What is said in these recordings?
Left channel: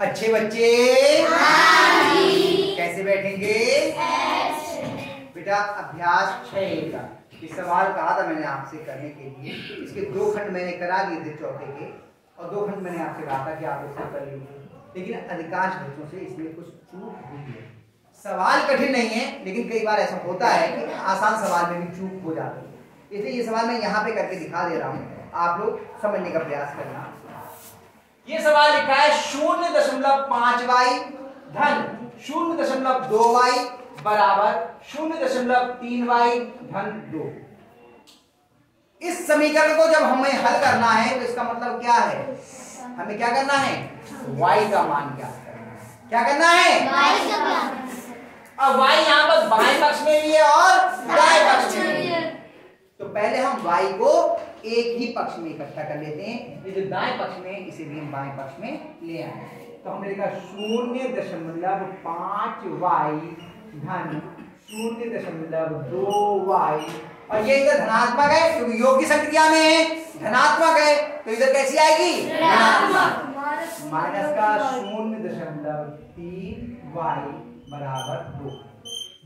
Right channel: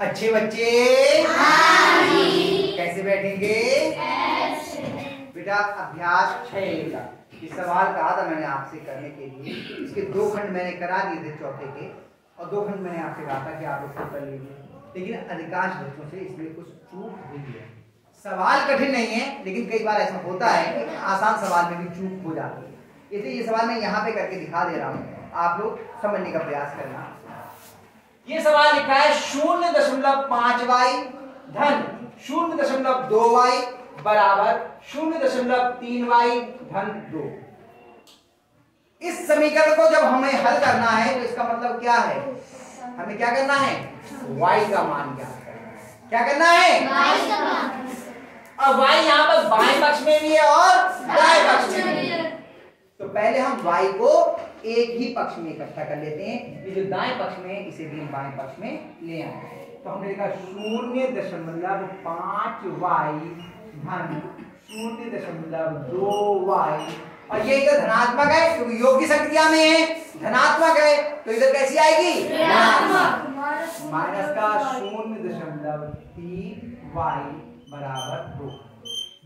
अच्छे बच्चे कैसे बैठेंगे? बेटा अभ्यास 6 का ये सवाल कहा था मैंने आपसे करने के लिए। इसके 2 खंड मैंने करा दिए थे चौथे के, और 2 खंड मैंने आपसे कहा था कि आप उसको कर लीजिए, लेकिन अधिकांश बच्चों से इसमें कुछ चूक हुई है। सवाल कठिन नहीं है, लेकिन कई बार ऐसा होता है कि आसान सवाल में भी चूक हो जाती है। इसलिए ये सवाल मैं यहाँ पे करके दिखा दे रहा हूँ, आप लोग समझने का प्रयास करना। ये सवाल लिखा है 0.5y धन 0.2y बराबर 0.3y धन 2। इस समीकरण को जब हमें हल करना है तो इसका मतलब क्या है? हमें क्या करना है? y का मान ज्ञात करना है। क्या करना है? y का मान। अब y यहाँ पर बाएं पक्ष में भी है और दाएं पक्ष में भी है, तो पहले हम y को एक ही पक्ष में इकट्ठा कर लेते हैं। ये जो दाएं पक्ष में है इसे भी हम बाएं पक्ष में ले आए, तो हमने लिखा 0.5y धन 0.2y, और ये इधर धनात्मक है क्योंकि योग की संक्रिया में है, धनात्मक है तो इधर कैसी आएगी? ऋणात्मक। माइनस का 0.3y बराबर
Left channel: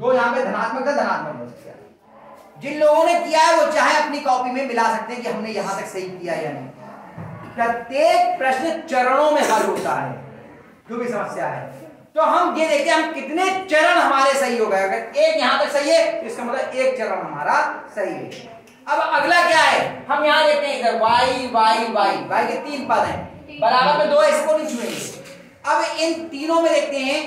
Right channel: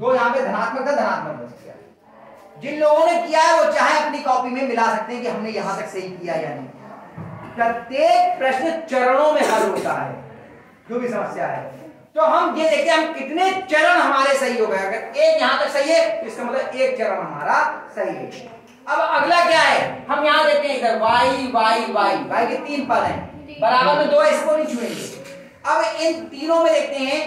2 यहाँ पे धनात्मक था, धनात्मक बच गया। जिन लोगों ने किया है वो चाहे अपनी कॉपी में मिला सकते हैं कि हमने यहां तक सही किया या नहीं। प्रत्येक प्रश्न चरणों में हल होता है, जो भी समस्या है। तो हम ये देखते हैं हम कितने चरण हमारे सही हो गए। अगर एक यहां तक सही है तो इसका मतलब एक चरण हमारा सही है। अब अगला क्या है? हम यहां देखते हैं इधर y के 3 पद हैं, बराबर में 2, इसको नहीं छुएंगे। अब इन तीनों में देखते हैं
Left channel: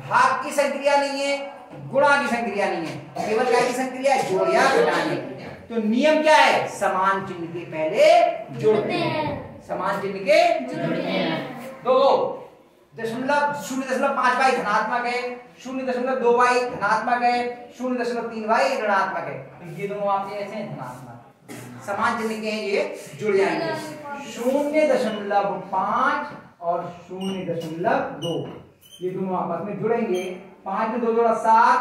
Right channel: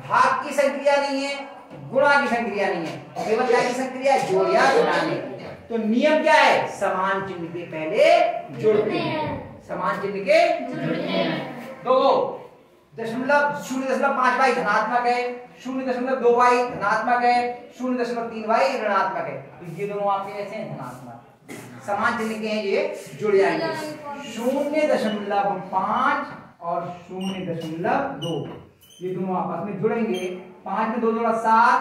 भाग की संक्रिया नहीं है, गुणा की संक्रिया नहीं है, केवल क्या की संक्रिया? जोड़ या घटाने की। तो नियम क्या है? समान चिन्ह के पहले जोड़ते हैं, समान चिन्ह के जोड़ते हैं। 0.5y धनात्मक है, 0.2y धनात्मक है, 0.3y ऋणात्मक है, तो ये दोनों आपके ऐसे हैं धनात्मक, समान चिन्ह के हैं, ये जुड़ जाएंगे। 0.5 और 0.2 ये दोनों आपस में जुड़ेंगे। 5 में 2 जोड़ा 7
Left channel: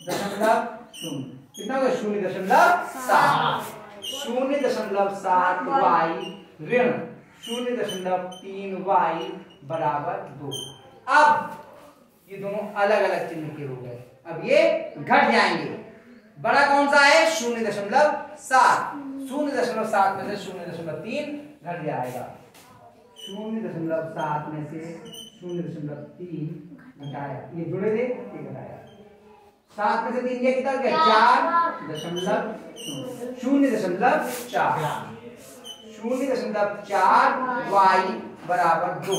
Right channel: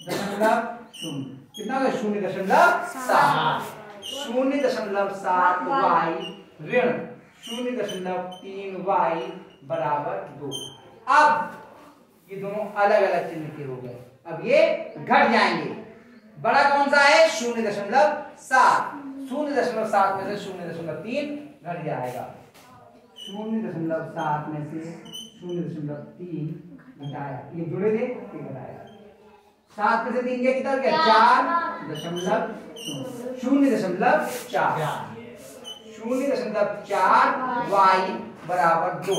0.0 कितना होगा? 0.7 0.7y ऋण 0.3y बराबर 2। अब ये दोनों अलग अलग चिन्ह के हो गए, अब ये घट जाएंगे। बड़ा कौन सा है? 0.7 0.7 में से 0.3 घट जाएगा। 0.7 में से 0.3 घटाया, ये जुड़े थे, ये घटाया। 7 में से 3 कितना गया? 4.0 0.4y बराबर 2।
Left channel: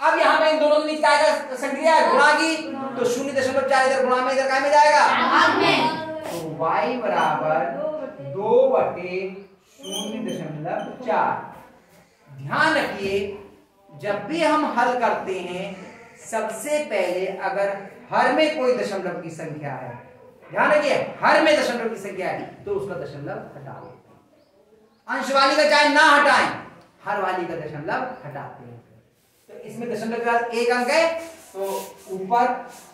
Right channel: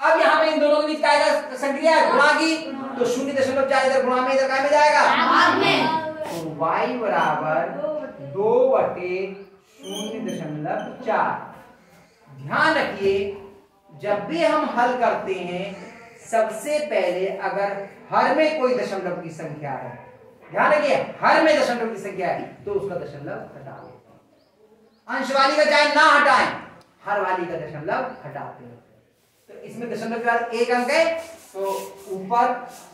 अब यहाँ पे इन दोनों के बीच क्या संक्रिया है? गुणा की, तो 0.4 इधर गुणा में, इधर काय में जाएगा? तो y बराबर 2/0.4। ध्यान रखिए जब भी हम हल करते हैं सबसे पहले अगर हर में कोई दशमलव की संख्या है, ध्यान रखिए हर में दशमलव की संख्या है तो उसका दशमलव हटा दो। अंश वाली का चाहे ना हटाएं, हर वाली का दशमलव हटाते हैं। तो इसमें दशमलव के बाद 1 अंक है, तो ऊपर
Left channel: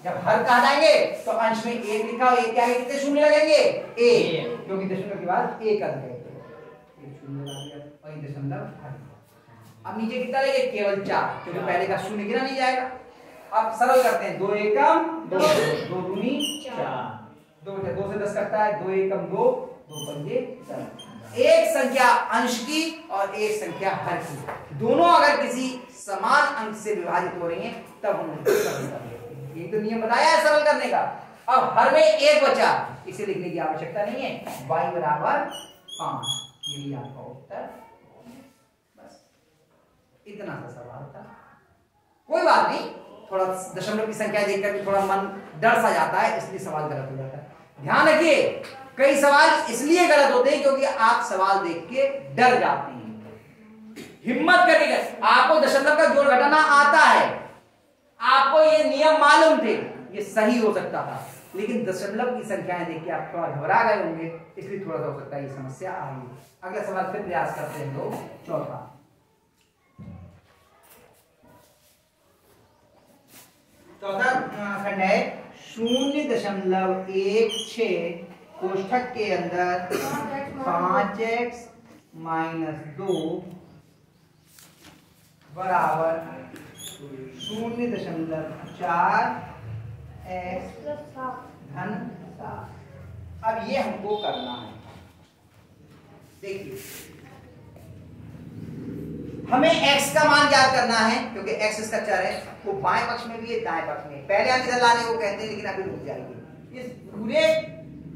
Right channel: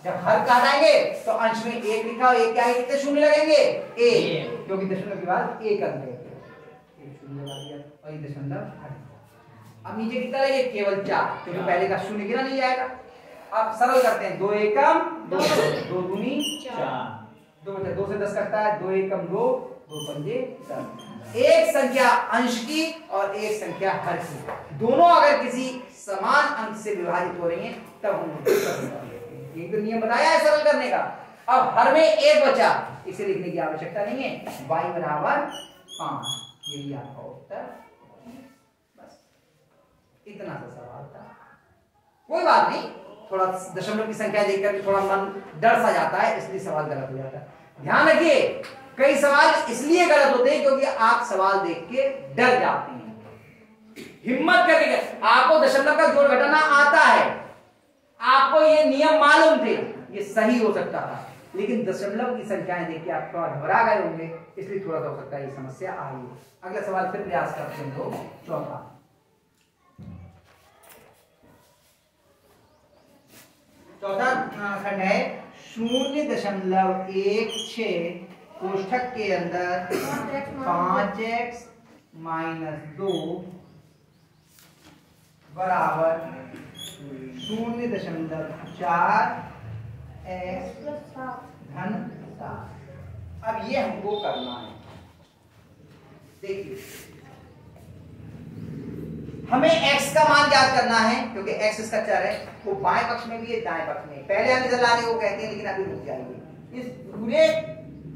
जब हर का हटाएंगे तो अंश में 1 लिखा हो, 1 क्या है? कितने शून्य लगेंगे? 1, क्योंकि दशमलव के बाद 1 अंक है, 1 शून्य लगा दिया और ये दशमलव हट। अब नीचे कितना लेंगे? केवल 4, क्योंकि पहले का शून्य गिना नहीं जाएगा। अब सरल करते हैं, 2 एकम 2, 2 दूनी 4, 2 से 10 कटता है, 2 एकम 2, 2 पंजे 10। एक संख्या अंश की और एक संख्या हर की, दोनों अगर किसी समान अंक से विभाजित हो रही हैं तब हम उनको सरल कर लेते हैं। ये तो नियम बताया है सरल करने का। अब हर में 1 बचा, इसे लिखने की आवश्यकता नहीं है, y बराबर 5, यही आपका उत्तर। इतना सा सवाल था, कोई बात नहीं। थोड़ा दशमलव की संख्या देखकर थोड़ा मन डर सा जाता है, इसलिए सवाल गलत हो जाता है। ध्यान रखिए कई सवाल इसलिए गलत होते हैं क्योंकि आप सवाल देख के डर जाते हैं। हिम्मत करके, आपको दशमलव का जोड़ घटाना आता है, आपको ये नियम मालूम थे, ये सही हो सकता था, लेकिन दशमलव की संख्याएं देख के आप थोड़ा घबरा गए होंगे, इसलिए थोड़ा सा हो सकता है ये समस्या आई। अगला सवाल फिर प्रयास करते हैं लोग, चौथा। चौथा खंड है 0.16 कोष्ठक के अंदर 5x - 2 बराबर 0.4 x धन 7। अब ये हमको करना है। देखिए हमें x का मान ज्ञात करना है क्योंकि x इसका चर है, वो बाएं पक्ष में भी है दाएं पक्ष में। पहले हम इधर लाने को कहते हैं लेकिन अभी रुक जाएंगे। इस पूरे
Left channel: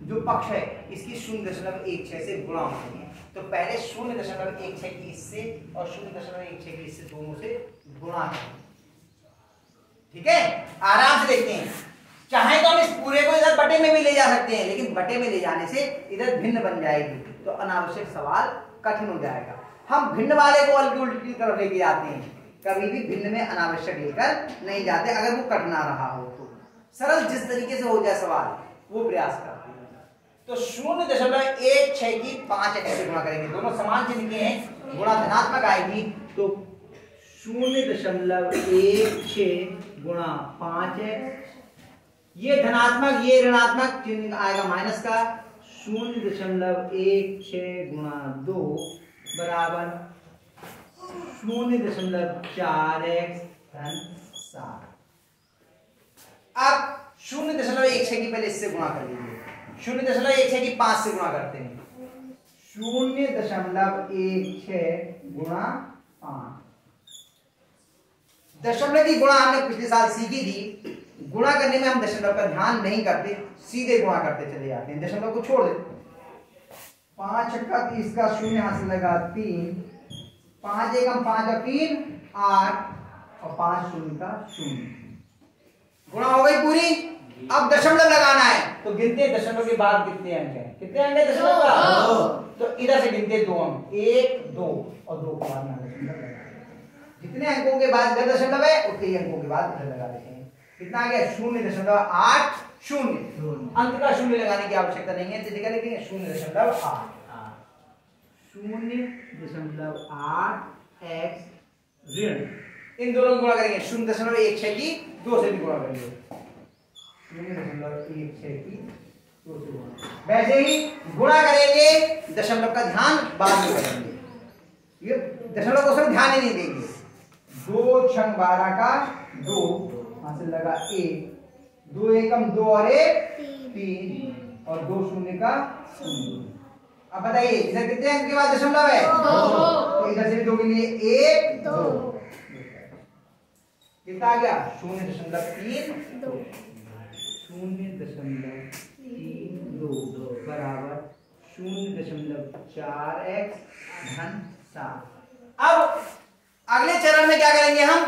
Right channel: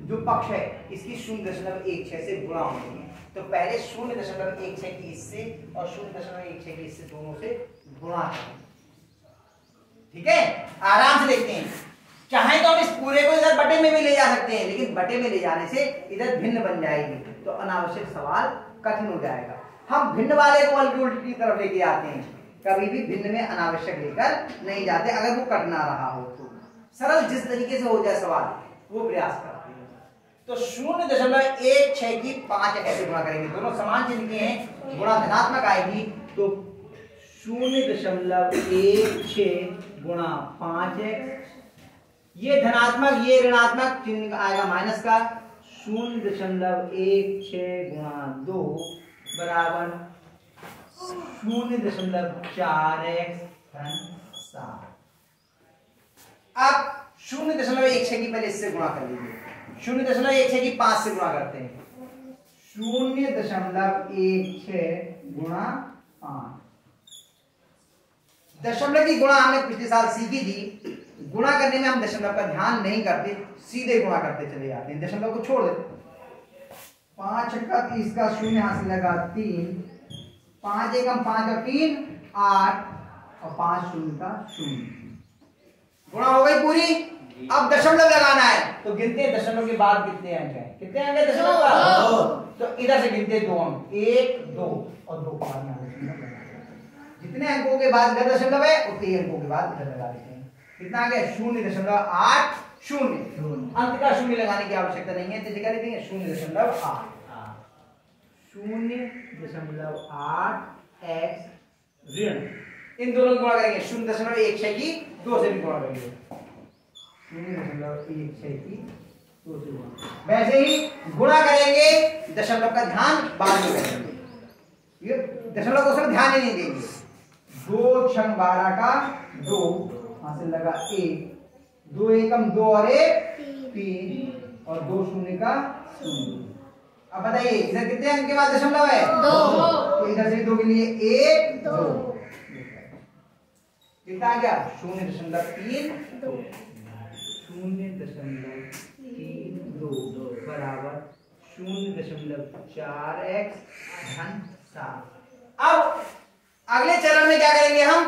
जो पक्ष है इसकी 0.16 से गुणा होती है, तो पहले 0.16 की इससे और 0.16 की इससे दोनों से गुणा करें। ठीक है, आराम से देखते हैं। चाहे तो हम इस पूरे को इधर बटे में भी ले जा सकते हैं, लेकिन बटे में ले जाने से इधर भिन्न बन जाएगी तो अनावश्यक सवाल कठिन हो जाएगा। हम भिन्न वाले को बल्कि उल्टी तरफ लेके जाते हैं, कभी भी भिन्न में अनावश्यक लेकर नहीं जाते। अगर वो कटना रहा हो तो सरल जिस तरीके से हो जाए सवाल वो प्रयास करते हैं। तो 0.16 की 5x से गुणा करेंगे, दोनों समान चिन्ह के हैं, गुणा धनात्मक आएगी तो 0.16 गुणा 5x, ये धनात्मक ये ऋणात्मक चिन्ह आएगा माइनस का। 0.16 गुणा 2 बराबर 0.4x धन 7। अब 0.16 की पहले इससे गुणा कर लीजिए, 0.16 की 5 से गुणा करते हैं। 0.16 गुणा 5, दशमलव की गुणा हमने पिछले साल सीखी थी। गुणा करने में हम दशमलव का ध्यान नहीं करते, सीधे गुणा करते चले जाते हैं, दशमलव को छोड़ देते। 5 छक्का 30 का 0 हासिल लगा 3, 5 एकम 5 और 3 8 और 5 शून्य का 0। गुणा हो गई पूरी। अब दशमलव लगाना है तो गिनते हैं दशमलव के बाद कितने अंक हैं, कितने अंक है दशमलव का, तो इधर से गिनते 2 अंक, 1 2 और 2 के बाद यहाँ दशमलव लगा। जितने अंकों के बाद इधर दशमलव है उतने ही अंकों के बाद इधर लगा देते हैं। कितना आ गया 0.80। अंक का 0 लगाने की आवश्यकता नहीं है, तो लिखा लिखेंगे 0.8 0.8 x ऋण, इन दोनों को गुणा करेंगे। 0.16 की 2 से भी गुणा करेंगे, 0.16 की 2 से गुणा। वैसे ही गुणा करेंगे, दशमलव का ध्यान बाद में करेंगे, ये दशमलव को सब ध्यान ही नहीं देंगे। 2 छंग 12 का 2 हासिल लगा 1, 2 एकम 2 और 1 3 और 2 शून्य का 0। अब बताइए इधर कितने अंक के बाद दशमलव है 2, तो इधर से भी 2 के लिए 1 2 कितना आ गया 0.32 बराबर 0.4x धन 7। अब अगले चरण में क्या करेंगे, हम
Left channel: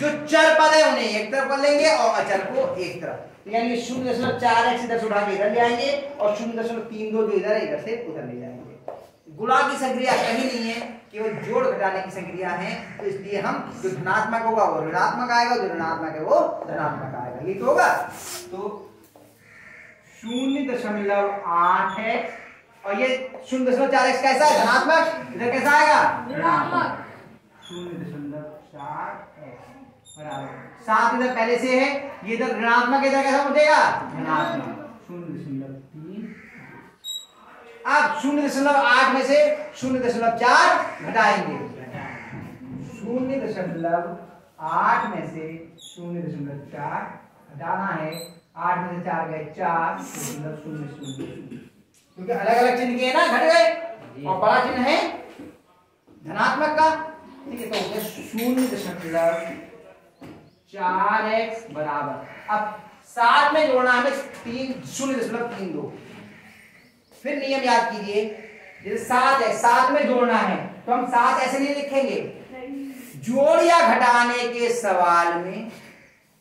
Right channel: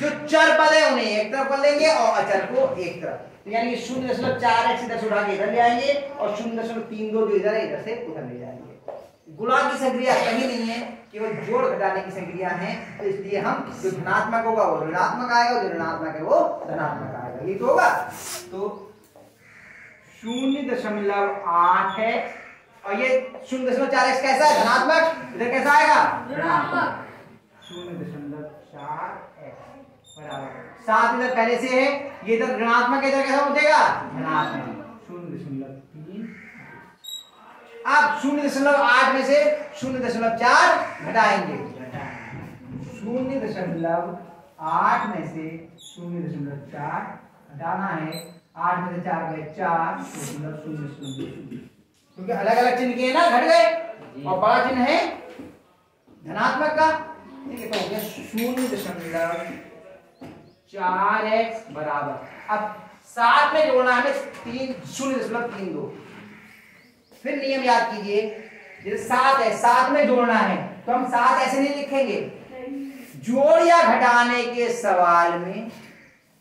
जो चर पद है उन्हें एक तरफ कर लेंगे और अचर को एक तरफ, तो यानी 0.4x इधर से उठा के इधर ले आएंगे और 0.32 जो इधर है इधर से उधर ले जाएंगे। गुणा की संक्रिया कहीं नहीं है, केवल जोड़ घटाने की संक्रिया है, तो इसलिए हम जो धनात्मक होगा वो ऋणात्मक आएगा, जो ऋणात्मक है वो धनात्मक आएगा। ये तो होगा, तो 0.8 है और ये 0.4x कैसा है धनात्मक, इधर कैसा आएगा ऋणात्मक। 0.4x बराबर 7 इधर पहले से है, ये इधर ऋणात्मक इधर कैसा बचेगा धनात्मक 0.3। अब 0.8 में से 0.4 घटाएंगे, 0.8 में से 0.4 घटाना है, 8 में से 4 गए 4.00, क्योंकि अलग अलग चिन्ह के ना घट गए और बड़ा चिन्ह है धनात्मक का। ठीक है, तो 0.4x बराबर, अब 7 में जोड़ना है 0.32। फिर नियम याद कीजिए, जैसे 7 है 7 में जोड़ना है तो हम 7 ऐसे नहीं लिखेंगे, जोड़ या घटाने के सवाल में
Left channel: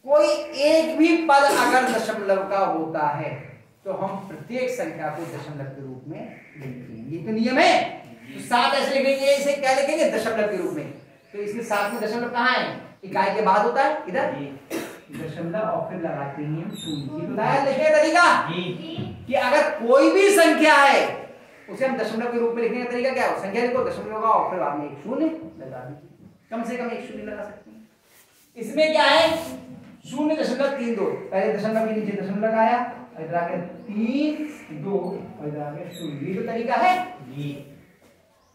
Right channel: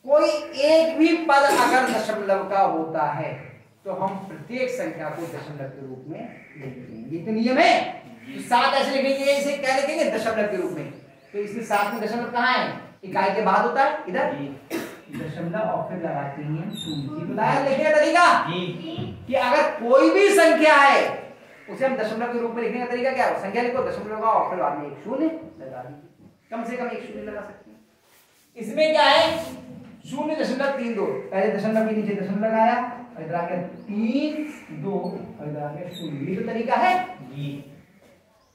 कोई एक भी पद अगर दशमलव का होता है तो हम प्रत्येक संख्या को दशमलव के रूप में लिखते हैं, ये तो नियम है। तो 7 ऐसे लिखेंगे, इसे क्या लिखेंगे दशमलव के रूप में, तो इसमें 7 में दशमलव कहाँ है, इकाई के बाद होता है इधर दशमलव और फिर लगाते हैं हम 0। बताया लिखने का तरीका कि अगर कोई भी संख्या है उसे हम दशमलव के रूप में लिखने का तरीका क्या है, संख्या लिखो दशमलव का और फिर बाद में 1 0 लगा दीजिए, कम से कम 1 0 लगा सकते हैं। इसमें क्या है 0.32, पहले दशमलव के नीचे दशमलव लगाया, इधर आके 3 2 और इधर आके 0, ये तो तरीका है जी।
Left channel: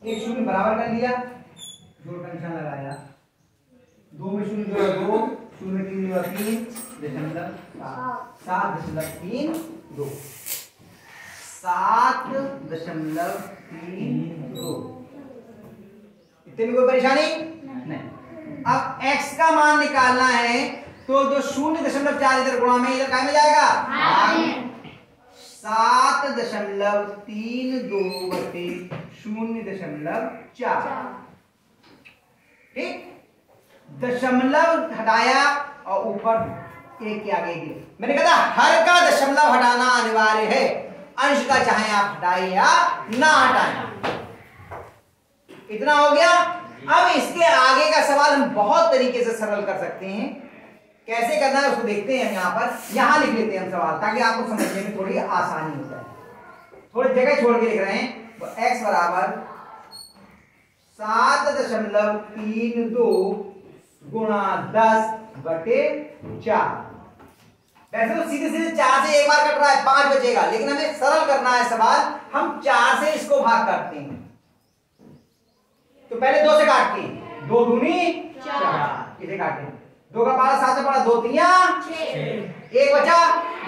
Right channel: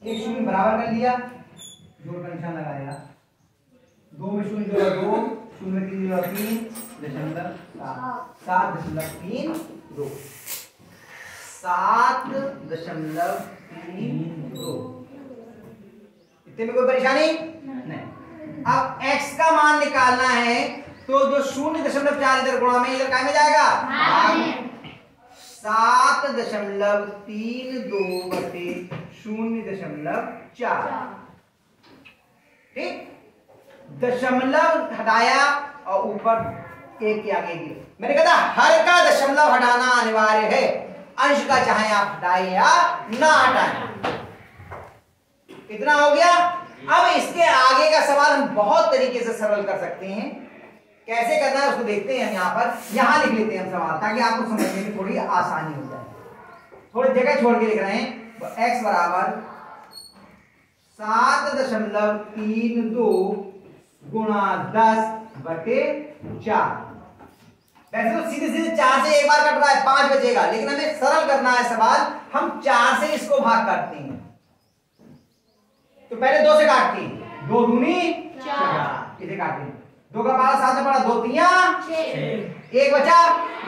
1 0 बराबर कर दिया, जोड़ का निशान लगाया, 2 में 0 जोड़ा 2, 0 में 3 जोड़ा 3, 7.32 7.32। इतने में कोई परेशानी नहीं। अब x का मान निकालना है तो जो 0.4 इधर गुणा में इधर काय में जाएगा 7.32/0.4। ठीक, दशमलव हटाया और ऊपर एक के आगे दिया। मैंने कहा हर का दशमलव हटाना अनिवार्य है, अंश का चाहे आप हटाएं या ना हटाएं। इतना हो गया। अब इसके आगे का सवाल हम बहुत तरीके से सरल कर सकते हैं। कैसे करना है उसको देखते हैं। यहाँ पर यहाँ लिख लेते हैं हम सवाल, ताकि आपको समझने में थोड़ी आसानी हो जाए। थोड़ी जगह छोड़ के लिख रहे हैं। तो x बराबर 7.32 गुणा 10/4। वैसे तो सीधे सीधे 4 से एक बार कट रहा है, 5 बचेगा, लेकिन हमें सरल करना है सवाल। हम 4 से इसको भाग करते हैं। तो पहले 2 से काटते हैं, 2 दूनी 4, इसे काटते हैं। 2 का 12 7 में पड़ा, 2 3 6, 1 बचा,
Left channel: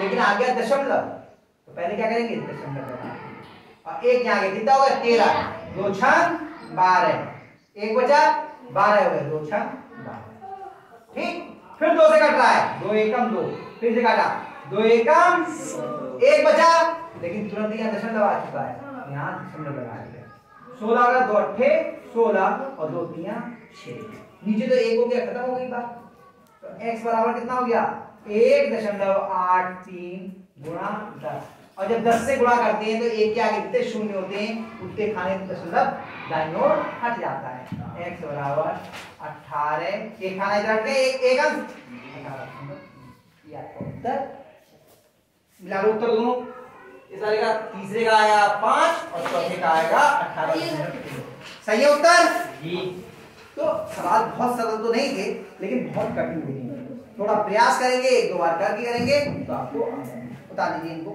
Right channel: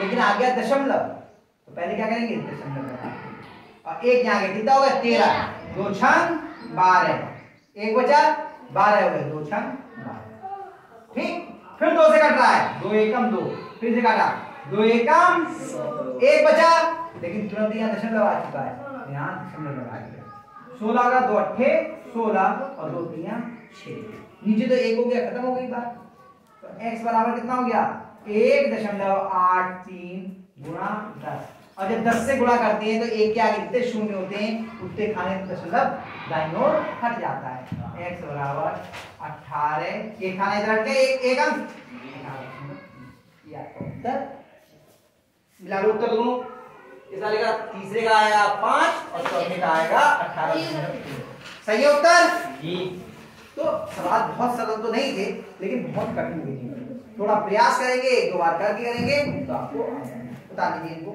लेकिन आ गया दशमलव। तो पहले क्या करेंगे, दशमलव लगाएंगे और 1 यहाँ गया, कितना हो गया 13, 2 6 12, 1 बचा 12 हो गए, 2 6 12। ठीक, फिर 2 से कट रहा है, 2 एकम 2, फिर से काटा, 2 एकम 1 बचा, लेकिन तुरंत यहाँ दशमलव आ चुका है, यहाँ दशमलव लगा दिया। 16 होगा, 2 8 16 और 2 3 6, नीचे तो 1 हो गया, खत्म हो गई बात। तो x बराबर कितना हो गया 1.83 गुणा 10। और जब 10 से गुणा करते हैं तो 1 के आगे जितने शून्य होते हैं उतने खाने दशमलव दाईं ओर हट जाता है। x बराबर 18, एक खाना इधर हट गया, एक अंक 18। ये आपका उत्तर मिला। उत्तर दोनों इस वाले का तीसरे का आएगा 5 और चौथे का आएगा 18। सही है उत्तर जी। तो सवाल बहुत सरल तो नहीं थे, लेकिन बहुत कठिन भी नहीं। थोड़ा प्रयास करेंगे, 1 2 बार करके करेंगे तो आपको बता दीजिए इनको।